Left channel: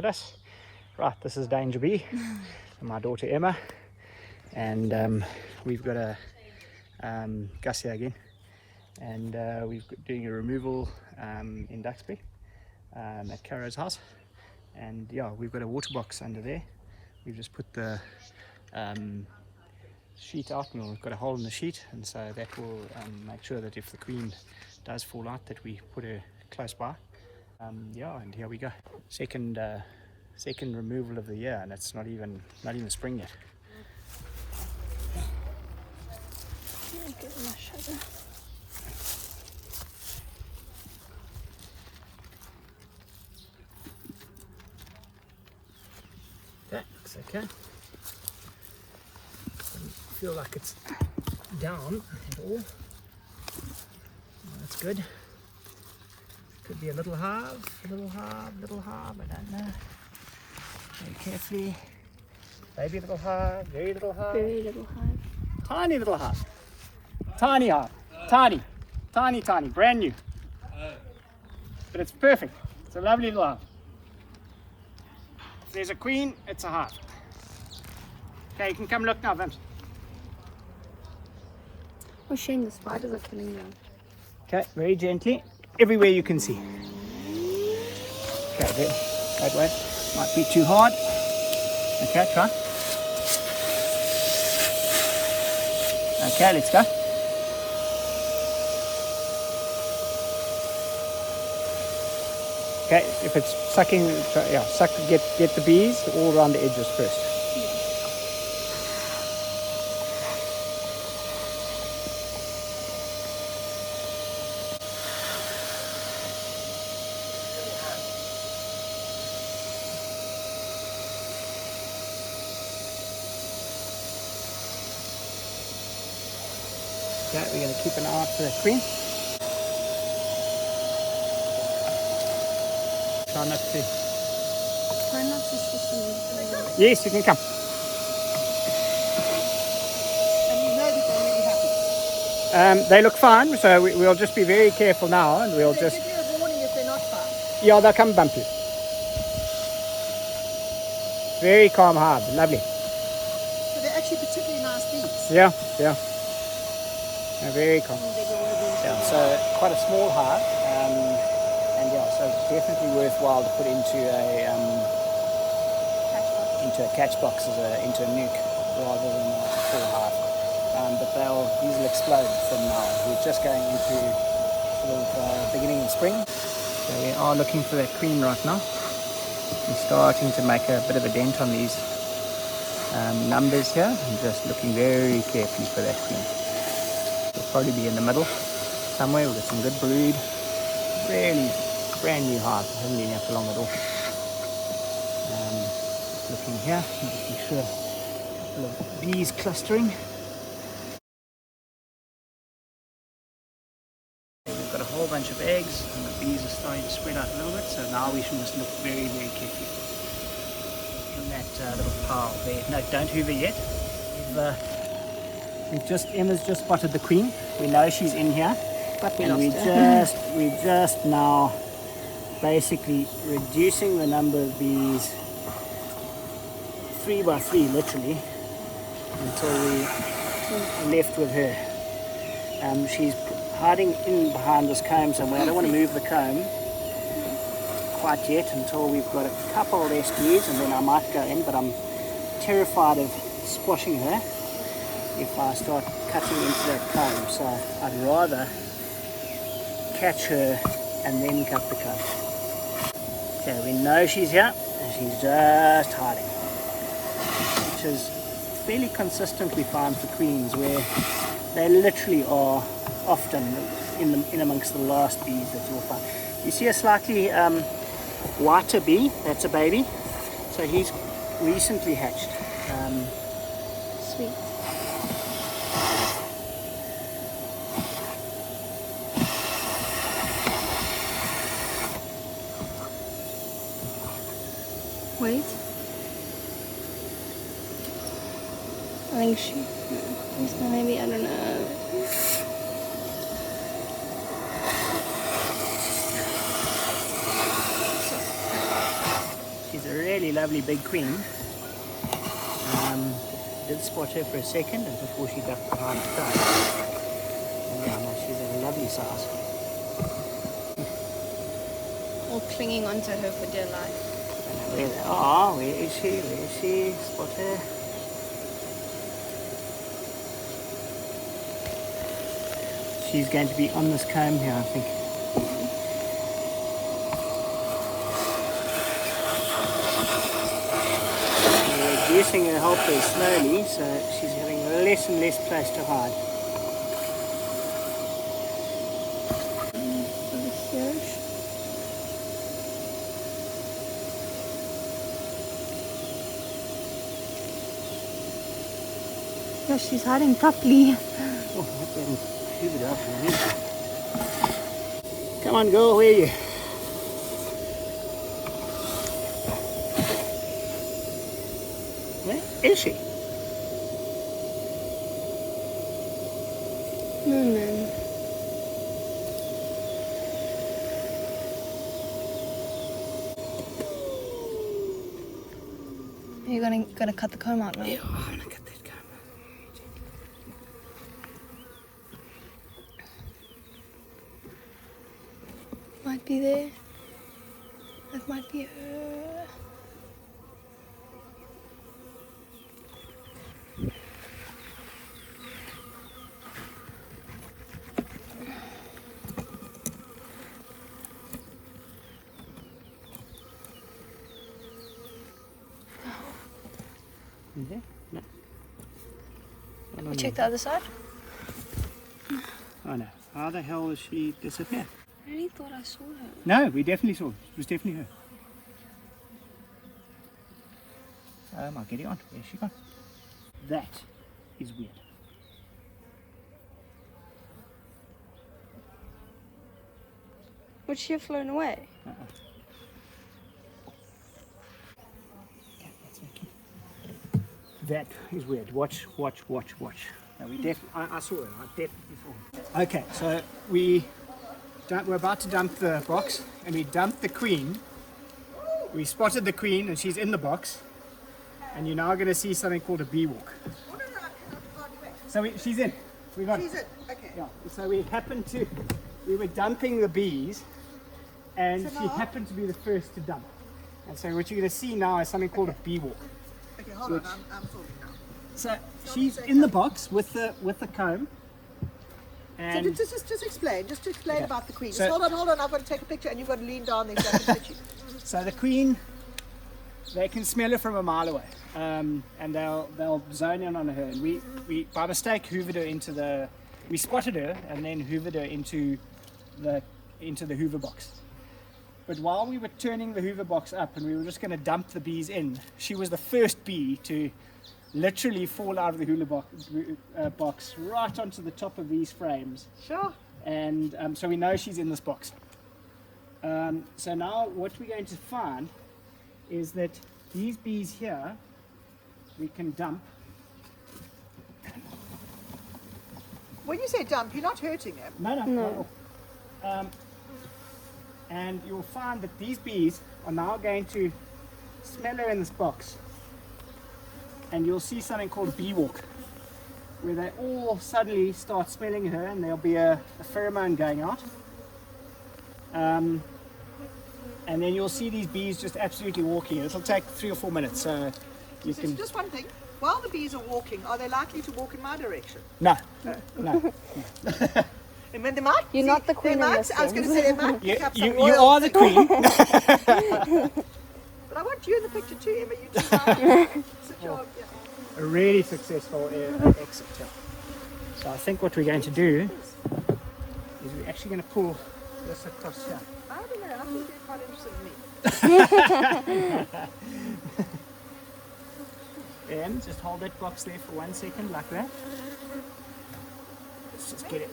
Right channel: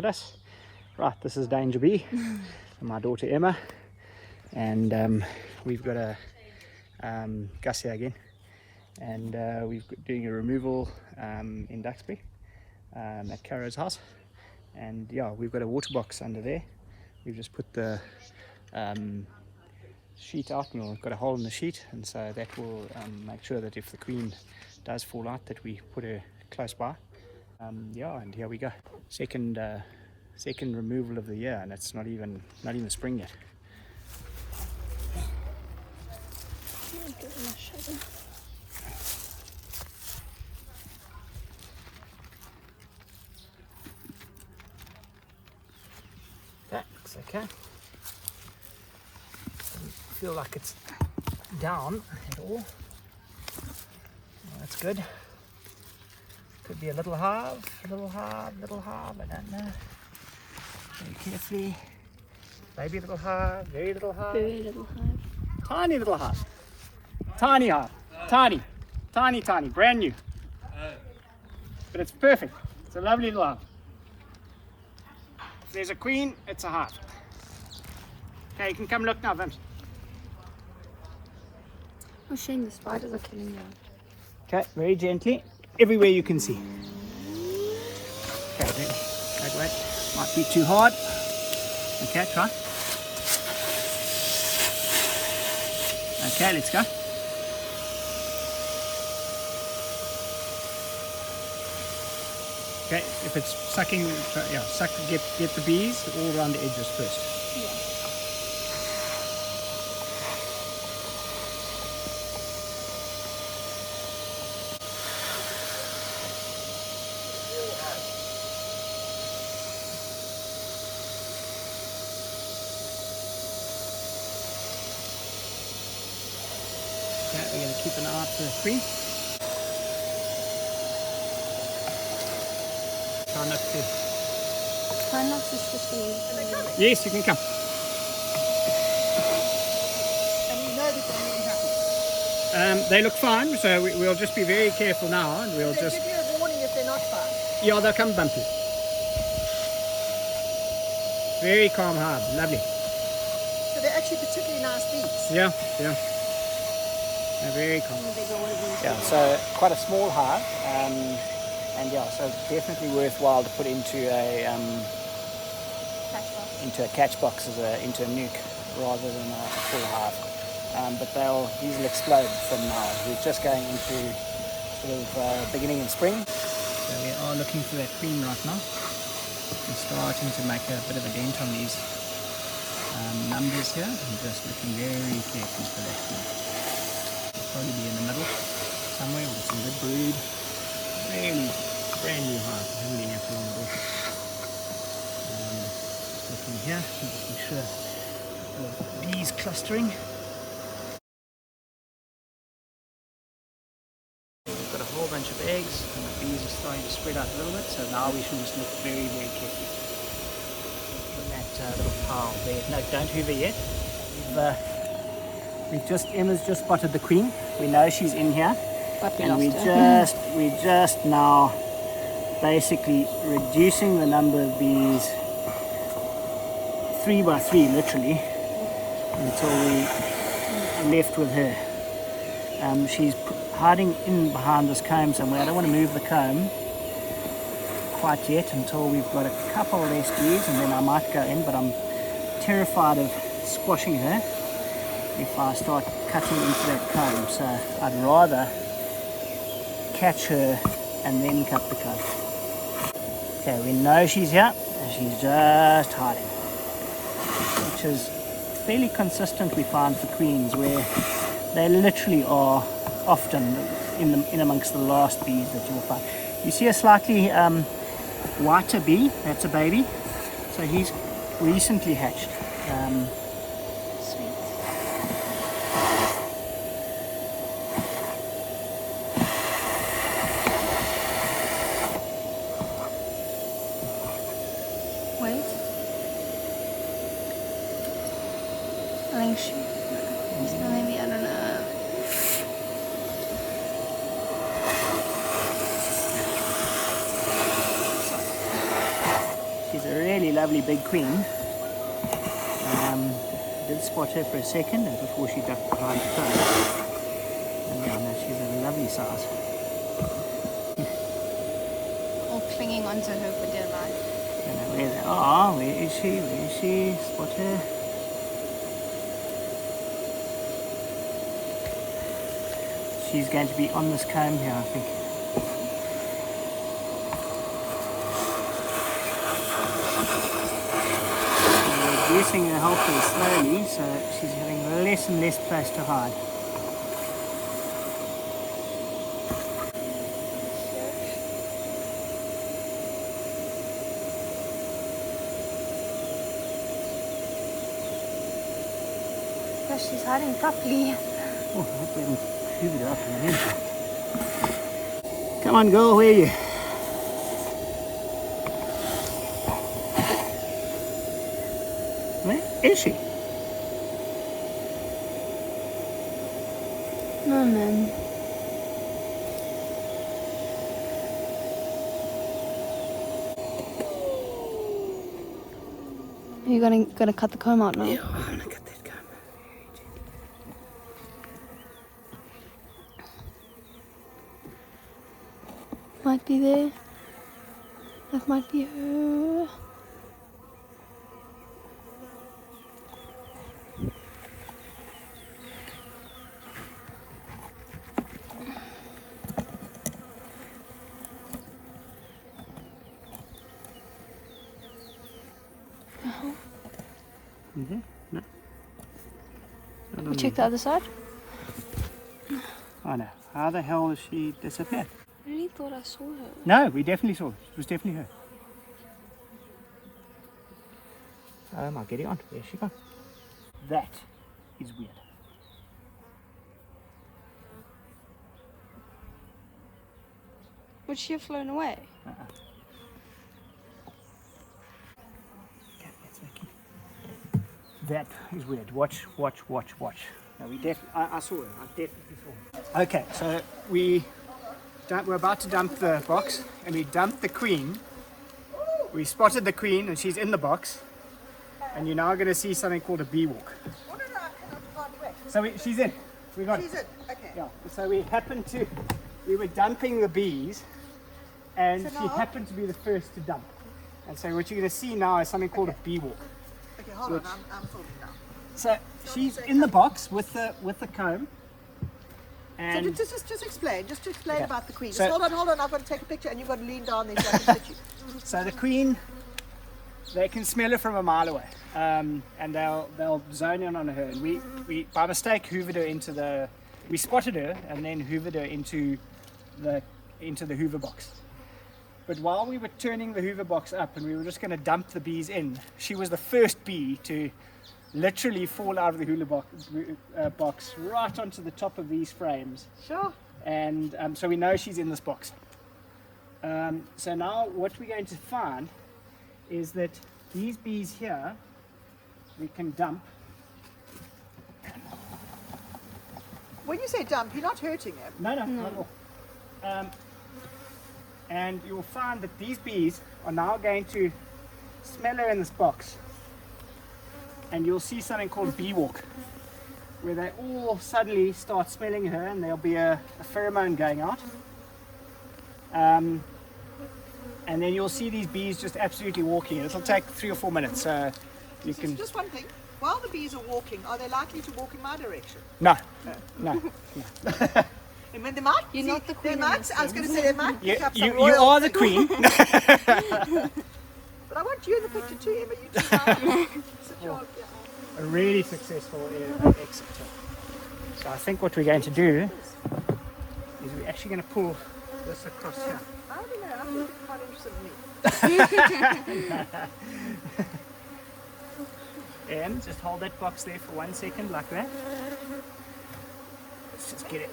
at us. Right, this is Danger Bee, my daughter Emma, and we've got a Gus here again, and we're doing a removal in Duxbury at Caro's house, and yeah, we've got a water box under there. We've just put the sheet out, and we've got a hole in the sheet, and so that will make sure that if the queen does fall out, that we put her close by. Yeah, and here we go. Second removal of the year, and it's not even spring yet. That looks okay. Doesn't feel like it's down at all. That's good. Could be a little hive, I don't know. Very carefully. Baby little hive, very little hive. Very little hive. Tiny little hive. Tiny hive. Tiny, brand new. But it's perfect. It's a lovely little hive. If there's a queen, it's a hive. Okay, you can come look now, Vince. Oh, shame the spiders are killing them. Okay, very gently. Everywhere you can see. Okay, there. Wait. Might be too hard. Okay, try. Okay, let's go. Okay, if it's sucking, yeah, get the bees all around the edges first. Okay, we're going to keep an eye out for the queen. Try not to. Try not to switch. Yes, you can come. And you know that they're really happy. They look fine, so we'll just be very careful now, and we'll They just. give you a warning if they're not fine. Yeah, they'll come bumpy. Very calm hive, lovely. So they're actually particularly nice bees. Yeah. They're very calm. Yeah, so quite a small hive, and yeah, so definitely worthwhile to put into a catch box into a nuke rather than a full hive. But these will explode from now. We're just going into sort of beginning in spring, so we are looking for that queen right now. We're starting to make a bit of a dent on these numbers here, and just looking very carefully for that queen. It'll probably be in the middle somewhere. We've got some good brood. Really brand new hive. Hasn't been here for long at all. Just looking here, making sure a couple of bees clustering. We've got a whole bunch of eggs, and the bees are starting to spread out a little bit. So now we should just look very, very carefully. In that little pile there. No, don't hoover yet. Emma's just spotted the queen. We know she's in here, and we just now basically reducing the number of bees 3 by 3, literally, until we're left with her. She's hiding in behind this comb somewhere. I don't want to move the comb quite yet until we've got a couple of less bees, and then I might go in, but I'm terrified of squashing her if I start cutting into that comb, so I'd rather catch her and then cut the comb. Okay, we know she's here, she's just hiding, which is fairly consistent, we find, for queens, where they literally are often in amongst the last bees that you'll find. You see a slightly whiter bee, that's a baby, so he's recently hatched. Sweet. Wait. I think maybe, I don't know. She's a really lovely big queen. Did spot her for a second and before she ducked behind the comb. She's a lovely size. All clinging onto her for dear life. Where they are, where is she? Where is she? Spot her. She's going to be on this comb here, I think. We're reducing her hold very slowly, so she's having less and less place to hide. Yeah, she's hiding properly. Come on, girl, where are you? Where is she? No, man. Are you gonna cut the comb out now? Yeah, I'm gonna cut that comb. Might be there. That might be her. Mm-hmm. No. You check the other side? Oh no. How the hell is she disappeared? I really thought I saw her. No, we definitely saw her. It was definitely her. Oh my, get it on. Where's she gone? That is weird. Would she have flown away? That is weird. Watch. No, I saw her. I definitely saw her. Okay, so we're about to dump the box, and we dumped the queen. We spotted the queen, and she's in the box. And you're now going to see something called a bee walk. So she's in. We got She's it. in. Okay. Yeah. So we were dumping the bees, and So she now- happened to be the first to dump. And so what you're going to see now is something called a bee walk. Okay, hold on. I'm talking now. So she's in the box with the comb. So And just explain. Just to explain Okay. about the queen. So- Just hold on. I've got to take a picture, and you've got to lean down there so I can picture you. so the queen, they can smell her from a mile away, and they'll zone in on her. And we by mistake hoovered her we spotted her and then hoovered her into the hoover box. But while we were turning the hoover box up and we were just going to dump the bees in, she was the first bee to literally fall out of the hoover box right onto the top of these frames. Sure. And so we know she's in this box. So now what we're going to find is that these bees here we can dump. When you say dump, you're not hurting her. No, not at all. And you'll find that these bees are now going to smell her in this box, and you'll see something called bee walk, where they all suddenly start smelling her, and there'll be a pheromone going out. And then you'll see these bees just absolutely walking. It'll take 3 or 4 minutes, so you can. Just one thing. While the bees are walking, are they likely to walk in my direction? No. And when they might, You're not the queen They in might. this I was going to game. say they might. You, pick up some you royal- are the queen. But I want you in the picture too, Emma. You two sit down. A really successful exit. So I think what we're going to do is we're actually going to pull this across here. I don't know. I think you're quite interested in me. And just hold that box there for 1 second like that. Let's just get it.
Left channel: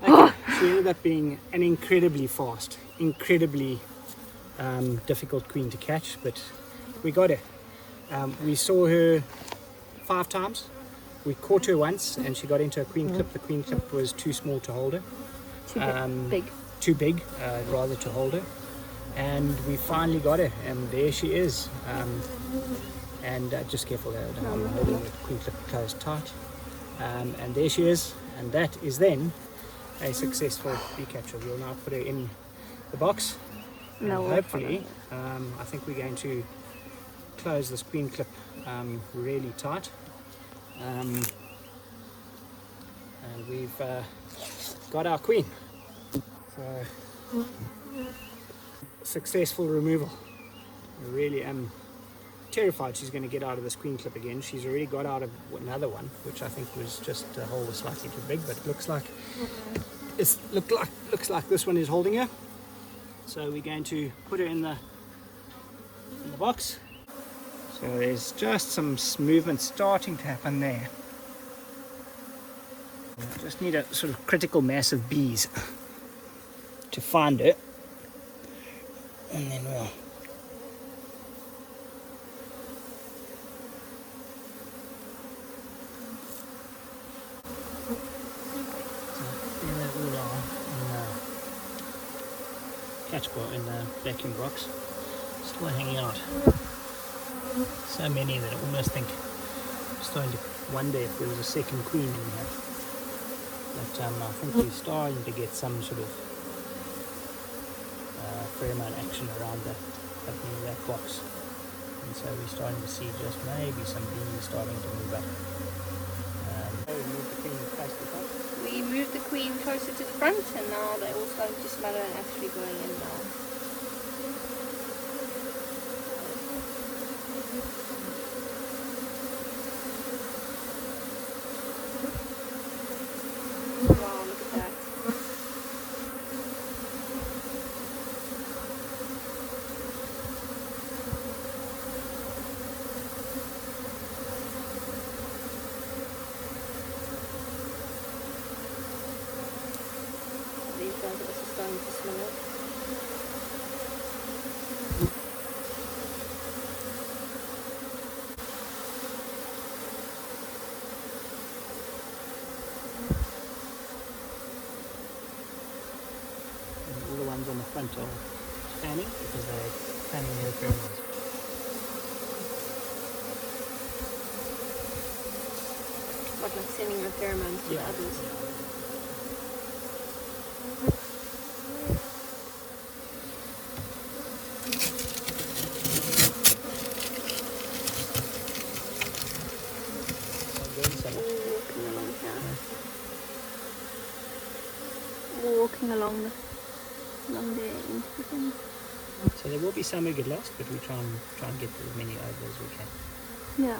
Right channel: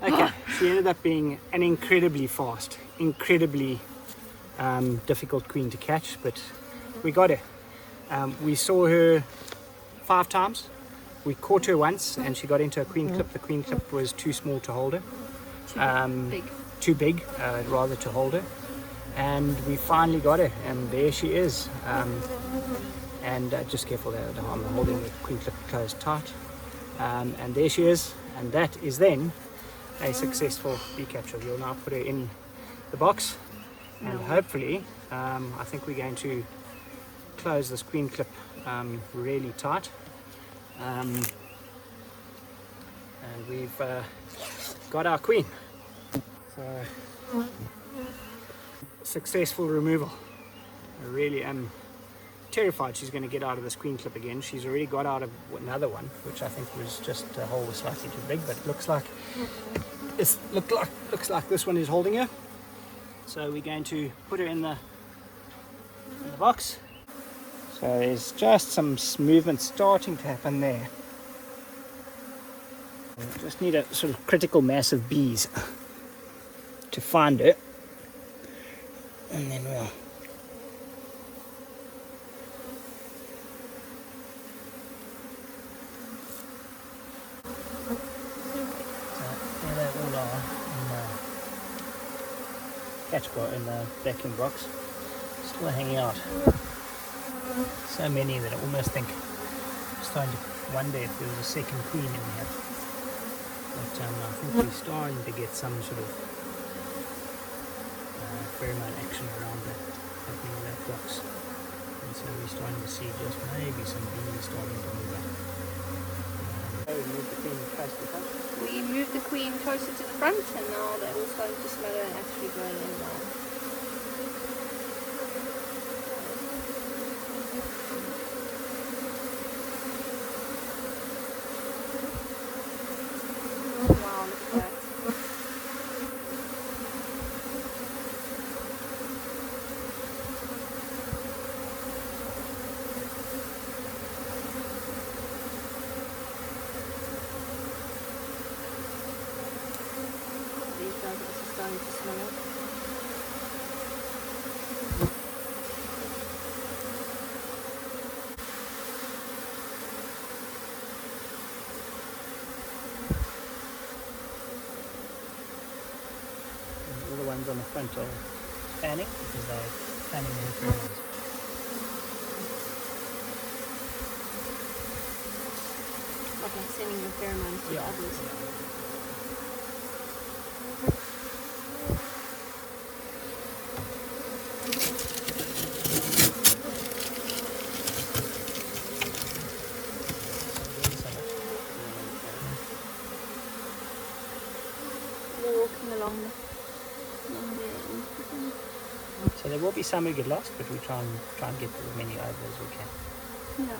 Okay, she ended up being an incredibly fast, incredibly difficult queen to catch, but we got her. We saw her 5 times. We caught her once and she got into a queen clip. The queen clip was too small to hold her. Big. Too big, rather, to hold her. and we finally got her, and there she is. And just careful there, I'm holding the queen clip closed tight. And there she is, and that is then a successful bee capture. We'll now put her in the box, and hopefully, I think we're going to close this queen clip really tight. And we've got our queen. So, successful removal. I really am terrified she's going to get out of this queen clip again. She's already got out of another one, which I think was just a hole was slightly too big, but it looks like looks like this one is holding her. So we're going to put her in the box. So there's just some movement starting to happen there. We just need a sort of critical mass of bees to find it, and then we'll there they all are in the catch box, in the vacuum box, still hanging out. So many that I almost think I'm starting to wonder if there was a second queen in here. But I think we're starting to get some sort of pheromone action around the opening of that box. And so we're starting to see just maybe some bees starting to move up. We moved the queen closer to the front, and now they're all starting to smell her and actually going in now. Wow, look at that. These guys are also starting to smell it. All the ones on the front are fanning because they're fanning their pheromones. Like sending the pheromones to the others. They're walking along there. So there will be some who get lost, but we try and get as many over as we can. Yeah.